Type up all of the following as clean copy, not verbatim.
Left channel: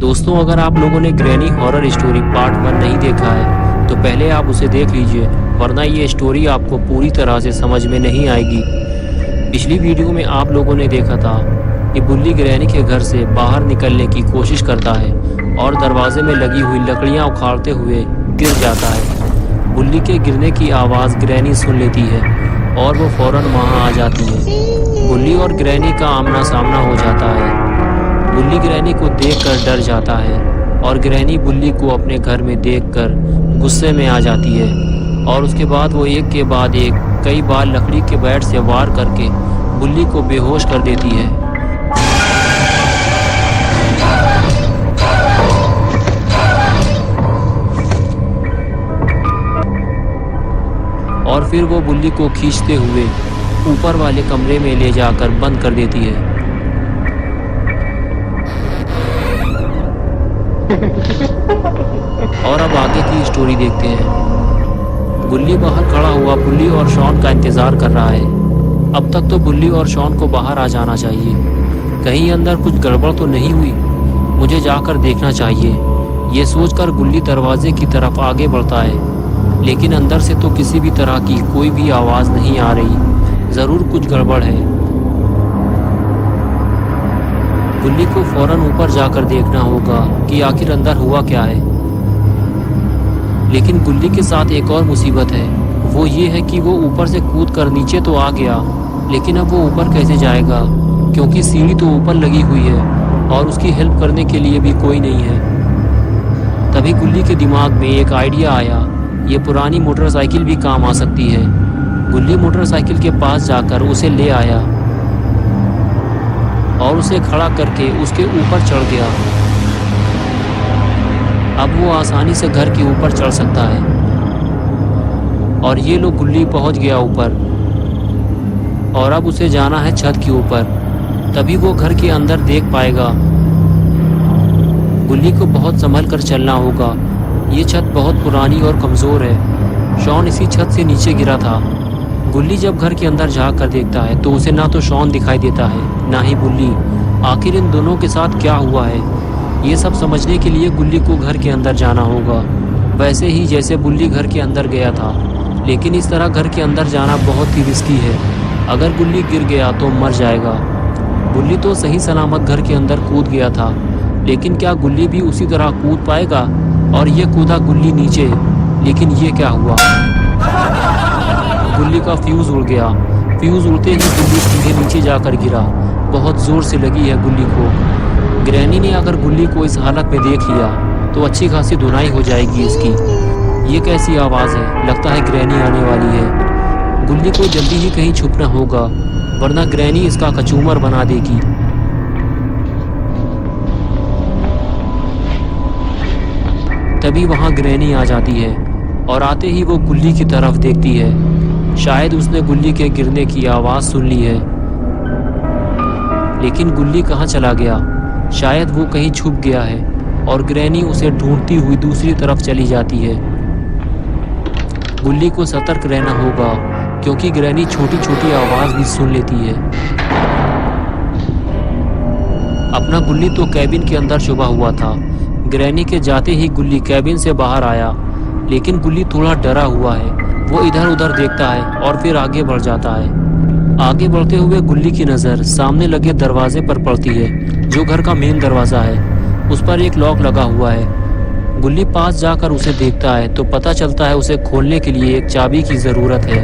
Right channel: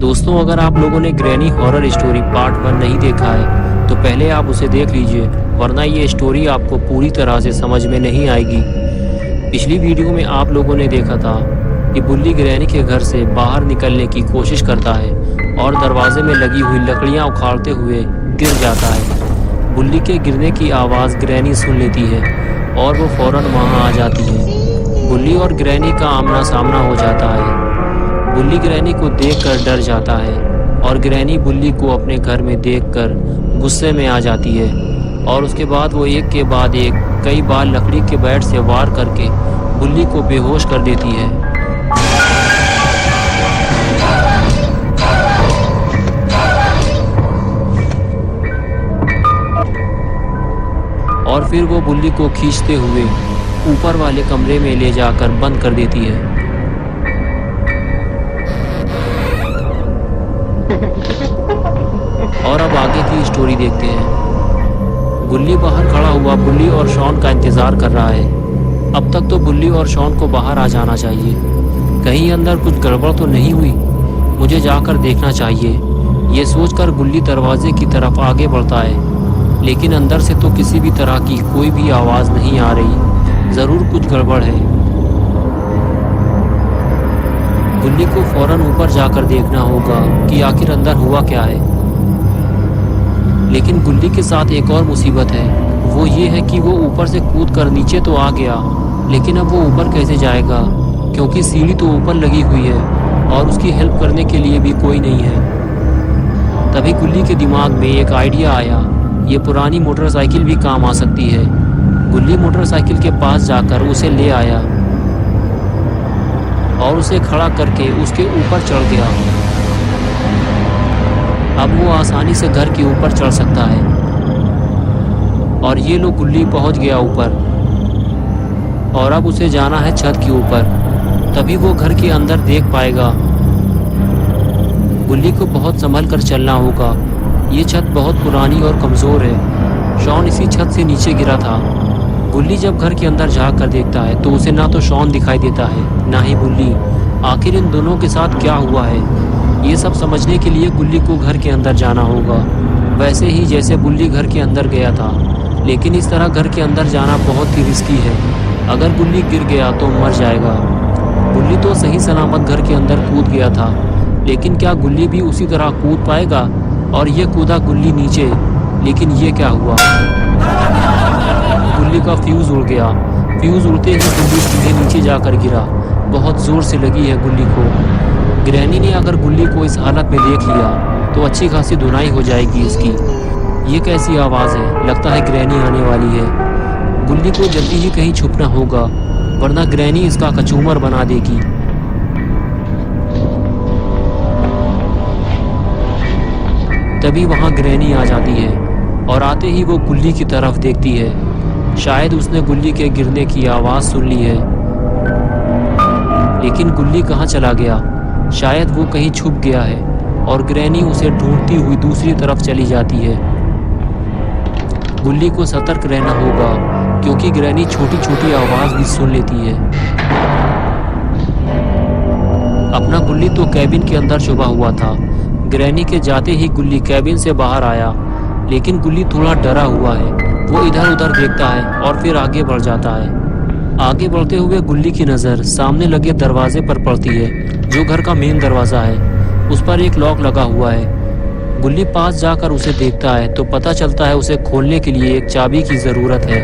दोस्तों, अगर आप लोगों ने ग्रैनी हॉरर स्टोरी पार्ट 1 नहीं देखा है तो पहले आप उसे देख लीजिए, वरना ये स्टोरी आपको पूरी तरह से समझ में नहीं आएगी। पिछली वीडियो में आप लोगों ने देखा था कि बुल्ली ग्रैनी के घर से बाहर निकलने की कोशिश करता है और दरवाजे में लगी हुई लकड़ियां उखाड़ते हुए गिर जाता है। बुल्ली के गिरने की आवाज़ ग्रैनी सुन लेती है और वो फौरन वहां आ जाती है। बुल्ली और ग्रैनी का आमना सामना हो जाता है। बुल्ली ग्रैनी को देखकर डर जाता है और ग्रैनी बुल्ली को अपने घर में देखकर गुस्से में आ जाती है और उसके बाद वो एक के बाद एक कई बार लकड़ी के बैट से वार करके बुल्ली को बेहोश कर देती है। और फिर वो बुल्ली को खींचते हुए ऊपर वाले कमरे में ले जाकर बंद कर देती है। और अब आगे की स्टोरी देखते हैं। बुल्ली बाहर खड़ा हुआ बुल्ली और शॉन का इंतजार कर रहा है। अब तक तो बुल्ली और शॉन को बाहर आ जाना चाहिए। कहीं अंदर कुछ गड़बड़ तो नहीं हुई, मुझे जाकर देखना चाहिए। ये सोचकर बुल्ली दरवाजे की तरफ आगे बढ़ता है, लेकिन अंदर से तो किसी भी तरह की कोई भी आवाज़ नहीं आ रही। ज़रूर कुछ गड़बड़ है। बुल्ली को फौरन ऊपर जाकर देखना होगा कि आखिर अंदर हुआ क्या है। लेकिन बुल्ली के साथ एक और मुसीबत है, वो ये है कि वो ऊपर से कूद कर नीचे तो आ गया, लेकिन अब वो ऊपर कैसे जाएगा, क्योंकि सीढ़ी तो ऊपर लगी हुई है और उसकी हेल्प करने के लिए भी कोई नहीं है। तभी बुल्ली के दिमाग में एक आइडिया आया, ये पुरानी मोटरसाइकिल भी काम आ सकती है। बुल्ली मोटरसाइकिल के पास जाकर उसे ले आया और उसे खड़ा करके उसके ऊपर चढ़ गया। अब वो आसानी से घर के ऊपर चढ़ सकता है। और ये लो बुल्ली पहुंच गया ऊपर और अब उसे जाना है छत के ऊपर, तभी वो घर के अंदर देख पाएगा। बुल्ली को बहुत संभल कर चलना होगा, ये छत बहुत पुरानी और कमज़ोर है। शॉन इसी छत से नीचे गिरा था। बुल्ली जब घर के अंदर जाकर देखता है तो उसे ना तो शॉन दिखाई देता है ना ही बुल्ली। आखिर इन दोनों के साथ क्या हुआ है, ये सब समझने के लिए बुल्ली को घर के अंदर जाना होगा, वैसे ही जैसे बुल्ली घर के अंदर गया था। लेकिन इस तरह घर के अंदर जाना बहुत ही रिस्की है। अगर बुल्ली गिर गया तो मर जाएगा। बुल्ली तो सही सलामत घर के अंदर कूद गया था, लेकिन क्या गुल्ली भी उसी तरह कूद पाएगा? और ये कूदा गुल्ली नीचे, लेकिन ये क्या हुआ? गुल्ली का फ्यूज़ उड़ गया। फ्यूज़ उड़ते ही गुल्ली सीधे नीचे जाकर गिरा। बहुत ज़ोर से लगी है गुल्ली को। ग्रैनी ने अगर गुल्ली को इस हालत में देख लिया तो अच्छी खासी धुनाई हो जाएगी इसकी। ये कैसी आवाज़ है? लगता है ग्रैनी आने वाली है। गुल्ली को जल्दी ही कहीं छुपना होगा, वरना ग्रैनी इसका कचूमर बना देगी। तभी वहाँ ग्रैनी आ जाती है और आते ही वो गुल्ली की तरफ देखती है। शायद उसने गुल्ली के गिरने की आवाज़ सुन ली है, लेकिन गुल्ली कहाँ चला गया? शायद वो कहीं छुप गया है और ग्रैनी उसे ढूंढती हुई दूसरी तरफ चली जाती है। गुल्ली को सतर्क रहना होगा, क्योंकि ग्रैनी छोटी छोटी आवाज़ भी सुन लेती है। अपना गुल्ली तो कैबिन के अंदर छुपा हुआ था। ग्रैनी के जाते ही गुल्ली कैबिन से बाहर आया, लेकिन गुल्ली थोड़ा डरा हुआ है। वो इधर उधर देखता है और फिर आगे बढ़ जाता है। आगे बढ़ते हुए गुल्ली की नज़र सामने लगे दरवाजे पर पड़ती है, जो घर का मेन दरवाज़ा है। उस पर एक लॉक लगा हुआ है। गुल्ली पास जाकर उसे देखता है तो पता चलता है उसे खोलने के लिए एक चाबी की ज़रूरत है,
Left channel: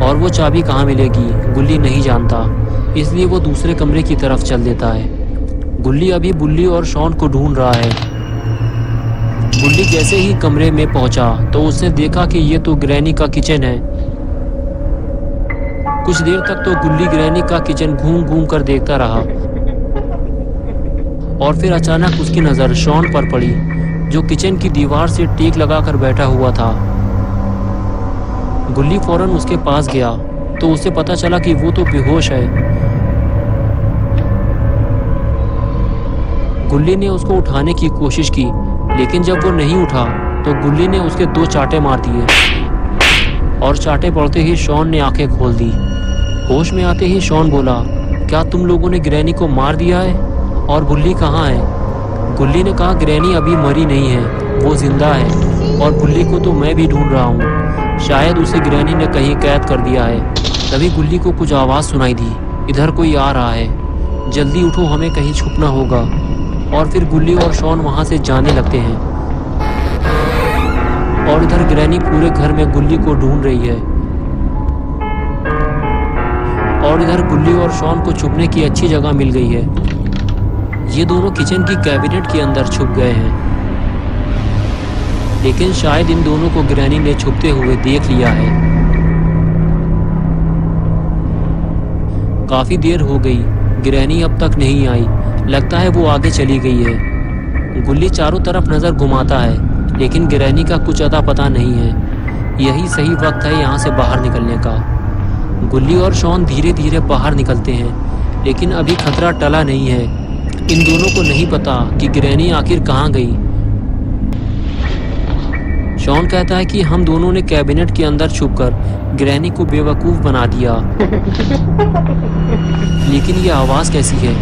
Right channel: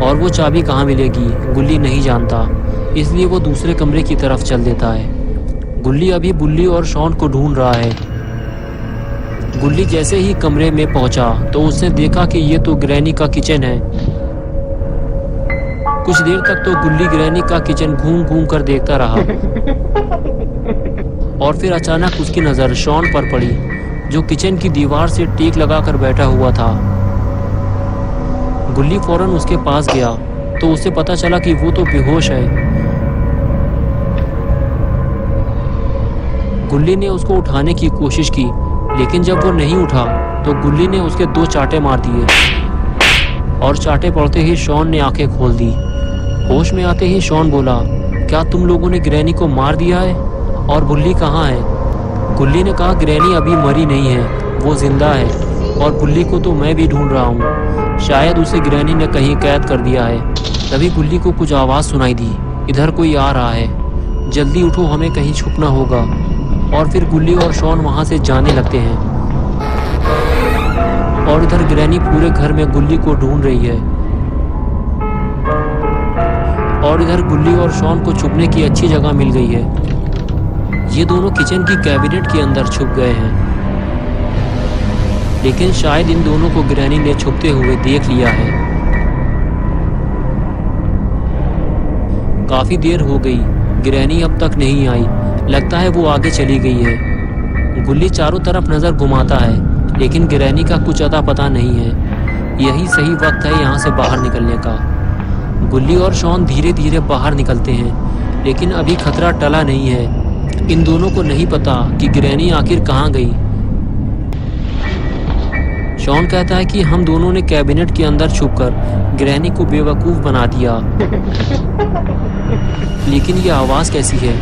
और वो चाबी कहाँ मिलेगी गुल्ली नहीं जानता, इसलिए वो दूसरे कमरे की तरफ चल देता है। गुल्ली अभी बुल्ली और शॉन को ढूंढ रहा है। बुल्ली जैसे ही कमरे में पहुंचा तो उसने देखा कि ये तो ग्रैनी का किचन है। कुछ देर तक तो गुल्ली ग्रैनी का किचन घूम घूम कर देखता रहा, और फिर अचानक उसकी नज़र शॉन पर पड़ी, जो किचन की दीवार से टेक लगाकर बैठा हुआ था। गुल्ली फौरन उसके पास गया तो उसे पता चला कि वो तो बेहोश है। गुल्ली ने उसको उठाने की कोशिश की, लेकिन जब वो नहीं उठा तो गुल्ली ने उसके 2 चांटे मार दिए, और चांटे पड़ते ही शॉन ने आंखें खोल दी। होश में आते ही शॉन बोला, क्या तुम लोगों ने ग्रैनी को मार दिया है? और बुल्ली कहाँ है? गुल्ली ने कहा, ग्रैनी अभी मरी नहीं है, वो जिंदा है और बुल्ली को तो मैं भी ढूंढ रहा हूँ। शायद उसे ग्रैनी ने कहीं कैद कर दिया है। तभी गुल्ली को कुछ आवाज़ सुनाई दी, इधर कोई आ रहा है, जल्दी उठो, हमें कहीं छुपना होगा। और फिर गुल्ली और शॉन वहाँ से जाने लगते हैं और इधर ग्रैनी पूरे घर में गुल्ली को ढूंढ रही है। और इधर गुल्ली और शॉन को छुपने की अच्छी जगह मिल गई है। ये दोनों किचन की कैबिनेट के अंदर छुप गए हैं, लेकिन शायद इन दोनों को ग्रैनी ने छुपते हुए देख लिया है। काफी देर हो गई, ग्रैनी अब तक नहीं आई। लगता है वो आगे चली गई है। गुल्ली चारों तरफ नजर घुमाता है, लेकिन ग्रैनी का कुछ अता पता नहीं है। यही सही वक्त है यहाँ से बाहर निकलने का। गुल्ली और शॉन धीरे धीरे बाहर निकलते हैं, लेकिन अभी खतरा टला नहीं है। इन दोनों को नहीं पता कि ग्रैनी आखिर कहाँ गई। शॉन कहता है कि हम दोनों ने कैबिनेट के अंदर छुपकर ग्रैनी को बेवकूफ बना दिया। लेकिन ये आवाज कैसी है?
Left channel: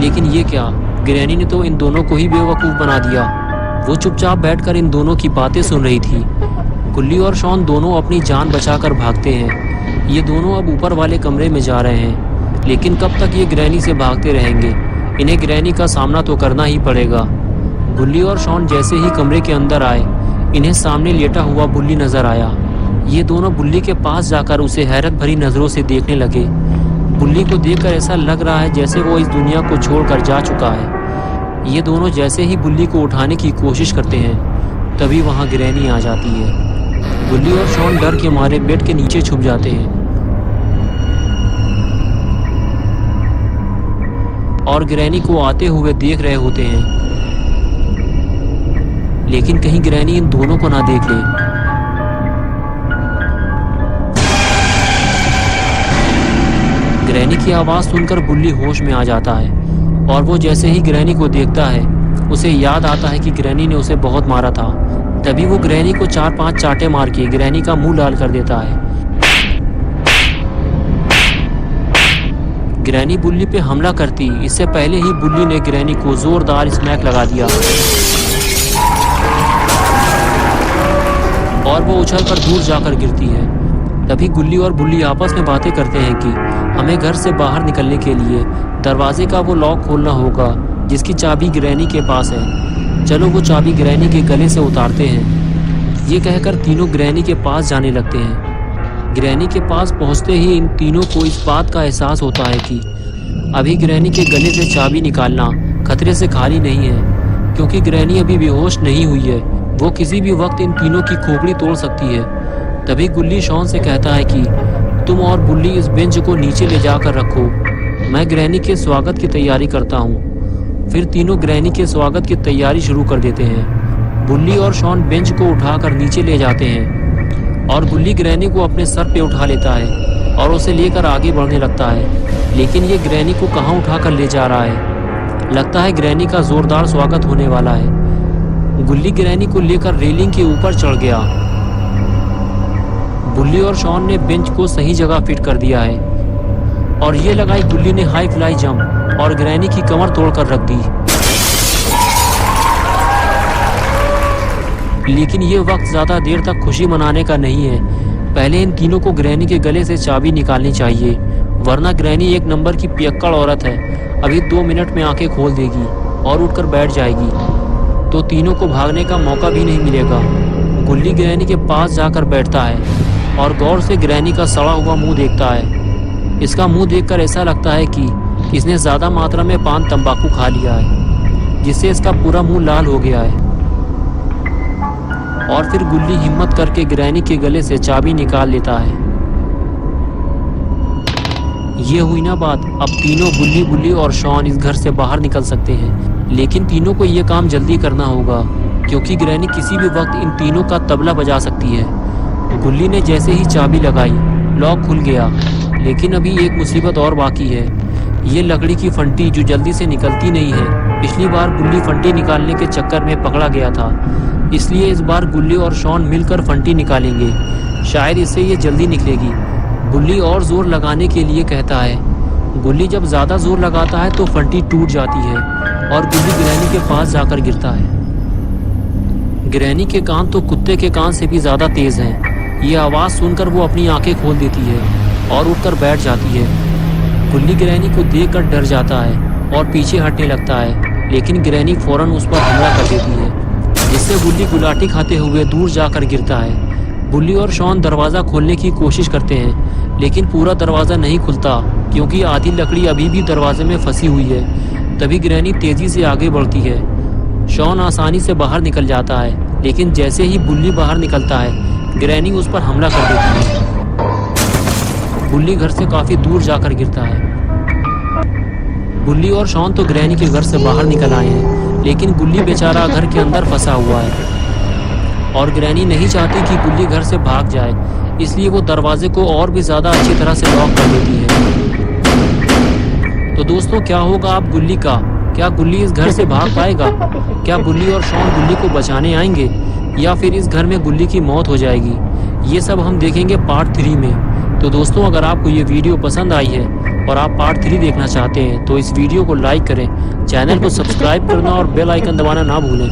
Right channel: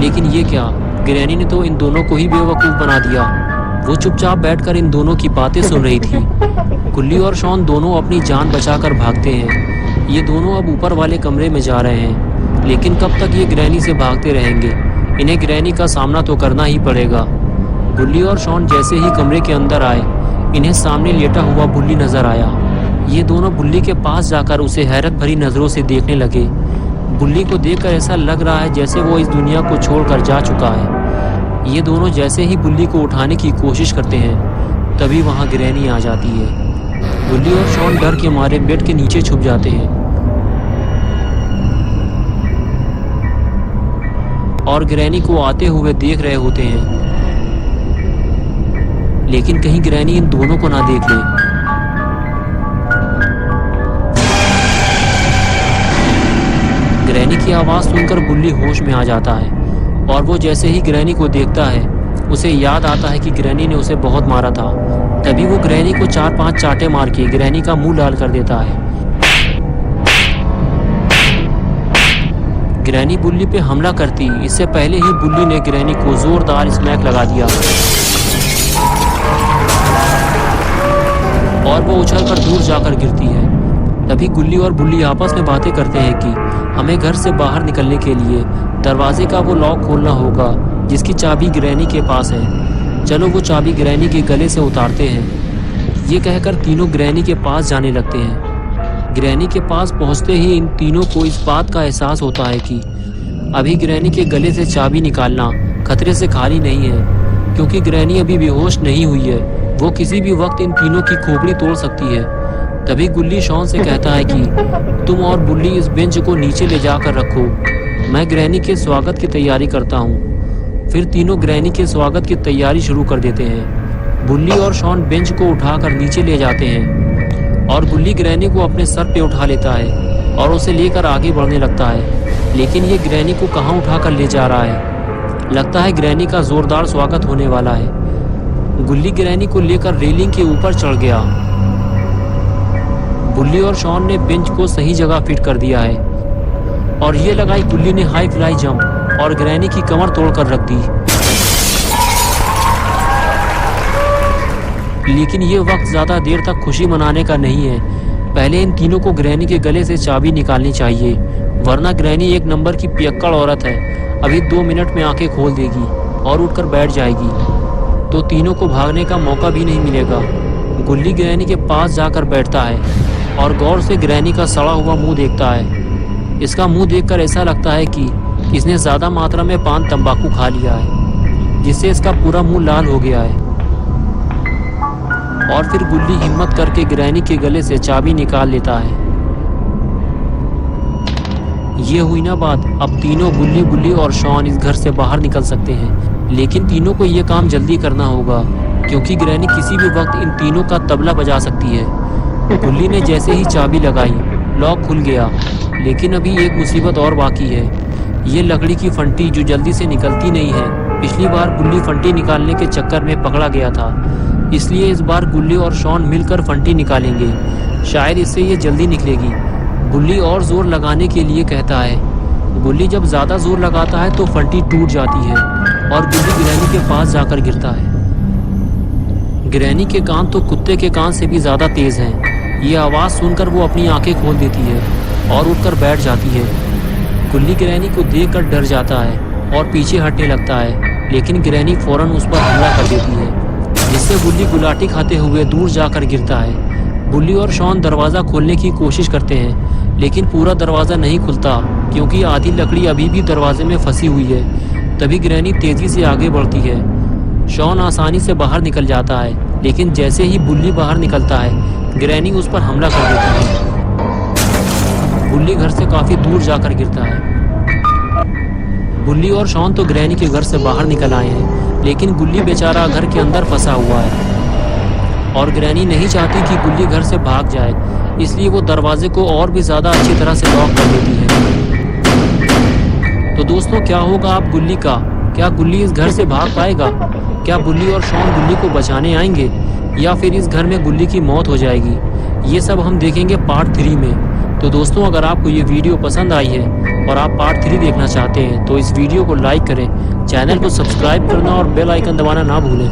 लेकिन ये क्या? ग्रैनी ने तो इन दोनों को ही बेवकूफ बना दिया। वो चुपचाप बैठकर इन दोनों की बातें सुन रही थी। गुल्ली और शॉन दोनों अपनी जान बचाकर भागते हैं। ये दोनों अब ऊपर वाले कमरे में जा रहे हैं, लेकिन कब तक ये ग्रैनी से भागते रहेंगे? इन्हें ग्रैनी का सामना तो करना ही पड़ेगा। गुल्ली और शॉन जैसे ही कमरे के अंदर आए, इन्हें सामने लेटा हुआ बुल्ली नजर आया। ये दोनों बुल्ली के पास जाकर उसे हैरत भरी नजरों से देखने लगे। बुल्ली को देखकर ऐसा लग रहा है जैसे वो इस दुनिया को छोड़कर जा चुका है। ये दोनों जैसे ही बुल्ली को उठाने की कोशिश करते हैं, तभी वहां ग्रैनी आ जाती है। गुल्ली और शॉन डर के मारे बेड के नीचे छुप जाते हैं और ग्रैनी को आते हुए देख रहे होते हैं, लेकिन कहीं ग्रैनी इन दोनों को ना देख ले। ग्रैनी की आवाज सुनकर बुल्ली होश में आ जाता है और वो जैसे ही ग्रैनी को देखता है, उसे याद आता है कि ग्रैनी ने उसे बहुत मारा था। तभी वो ग्रैनी को 4-5 चाटे मार के ग्रैनी का मुंह लाल कर देता है। ग्रैनी बुल्ली पे हमला करती इससे पहले ही बुल्ली ने ग्रैनी को जोरदार स्मैक लगा दिया और वो उछलकर दूर जाकर गिरती है। तभी गुल्ली और बुल्ली आपस में बातें करते हैं कि हमें घर से बाहर निकलने के लिए दरवाजे का वो लॉक खोलना होगा जिसकी चाबी ग्रैनी के पास है। चलो वो चाबी ग्रैनी के गले से उतारते हैं। ये कहकर तीनों ग्रैनी के पास जाने लगते हैं। ग्रैनी के पास पहुंचते ही इन तीनों को इस बात का एहसास होता है कि अभी ग्रैनी के गले से चाबी निकालना खतरे से खाली नहीं है, क्योंकि ग्रैनी अभी बेहोश नहीं हुई है। वो किसी भी वक्त इन तीनों की खोपड़ी तोड़ सकती है। तभी गुल्ली शॉन से कहता है कि तुम और बुल्ली इस बेंच को नीचे ले जाकर रखो, मैं ग्रैनी के स्वागत की तैयारी करता हूँ। फिर तीनों ग्रैनी के स्वागत की तैयारी शुरू कर देते हैं। बुल्ली और शॉन बेंच को उठाकर नीचे ले जाते हैं और बुल्ली ग्रैनी को अपने सर पे उठा लेता है और उसे लेकर आगे बढ़ने लगता है। लेकिन ये ग्रैनी को कहाँ उठाकर ले जा रहा है? लगता है ग्रैनी का जोरदार स्वागत होने वाला है। गुल्ली ग्रैनी को लेकर रेलिंग के ऊपर चढ़ गया। बुल्ली और शॉन ने बेंच को सही जगह फिट कर दिया है और ये लगाई गुल्ली ने हाई फ्लाई जंप और ग्रैनी की कमर तोड़कर रख दी। लेकिन ये वक्त ज्यादा देर तक खुशी मनाने का नहीं है। पहले इन तीनों को ग्रैनी के गले से चाबी निकालनी चाहिए, वरना ग्रैनी एक नंबर की पियक्कड़ औरत है। अभी 2 मिनट में आंखें खोल देगी और उठकर बैठ जाएगी, तो तीनों को भागने का मौका भी नहीं मिलेगा। गुल्ली ग्रैनी के पास जाकर बैठता है और गौर से ग्रैनी का सड़ा हुआ मुंह देखता है। इसका मुंह देखकर ऐसा लगता है कि इसने ज्यादा मात्रा में पान तंबाकू खा लिया है, जिससे इसका पूरा मुंह लाल हो गया है। और फिर गुल्ली हिम्मत करके ग्रैनी के गले से चाबी निकाल लेता है। ये हुई ना बात। अब तीनों बुल्ली और शॉन इस घर से बाहर निकल सकते हैं, लेकिन तीनों को ये काम जल्दी करना होगा, क्योंकि ग्रैनी किसी भी वक्त इन तीनों का तबला बजा सकती है। गुल्ली ने जैसे ही चाबी लगाई, लॉक खुल गया। लेकिन अभी एक मुसीबत और बाकी है, ये लकड़ी की फंटी जो जल्दी से निकलती नहीं है। पिछली बार गुल्ली फंटी निकालने के चक्कर में पकड़ा गया था, इसलिए इस बार गुल्ली और शॉन मिलकर फंटी निकालेंगे। शायद इससे ये जल्दी निकलेगी। गुल्ली और जोर लगाने के लिए कहता है, गुल्ली जब ज़्यादा जोर लगाता है तो फंटी टूट जाती है और गुल्ली ग्रैनी के पास जाकर गिरता है। ग्रैनी के कान तो कुत्ते के कान से भी ज़्यादा तेज़ हैं। ये आवाज़ सुनकर वो अपनी आंखें खोल देती है और उठकर बैठ जाती है। गुल्ली ग्रैनी को देखकर डर जाता है और पीछे हटने लगता है, लेकिन ग्रैनी फौरन उस पर हमला कर देती है, जिससे गुल्ली गुलाटी खाते हुए दूर जाकर गिरता है। बुल्ली और शॉन दरवाज़ा खोलने की कोशिश करते हैं, लेकिन पूरा दरवाज़ा नहीं खुलता क्योंकि आधी लकड़ी अभी भी दरवाजे में फंसी हुई है। तभी ग्रैनी तेज़ी से आगे बढ़ती है। शॉन आसानी से बाहर निकल जाता है, लेकिन जैसे ही बुल्ली बाहर निकलता है, ग्रैनी उस पर हमला कर देती है। बुल्ली घर से काफ़ी दूर जाकर गिरता है। बुल्ली और शॉन तो ग्रैनी के घर से बाहर निकल आए हैं, लेकिन गुल्ली बेचारा घर के अंदर फंसा हुआ है और ग्रैनी नहीं चाहती कि गुल्ली घर से भाग जाए, इसलिए वो दरवाजे को और भी ज़्यादा अच्छी तरह से लॉक कर देती है। तो दोस्तों, क्या होगा अब गुल्ली का? क्या गुल्ली इस घर से भाग पाएगा? क्या बुल्ली और शॉन गुल्ली को बचाने आएंगे या फिर इस घर में गुल्ली की मौत हो जाएगी? ये सब हम देखेंगे पार्ट 3 में। तो दोस्तों, अगर आपको ये वीडियो पसंद आई है और आप पार्ट 3 देखना चाहते हैं तो इस वीडियो को लाइक करें, चैनल को सब्सक्राइब करना और बेल आइकन दबाना ना भूलें।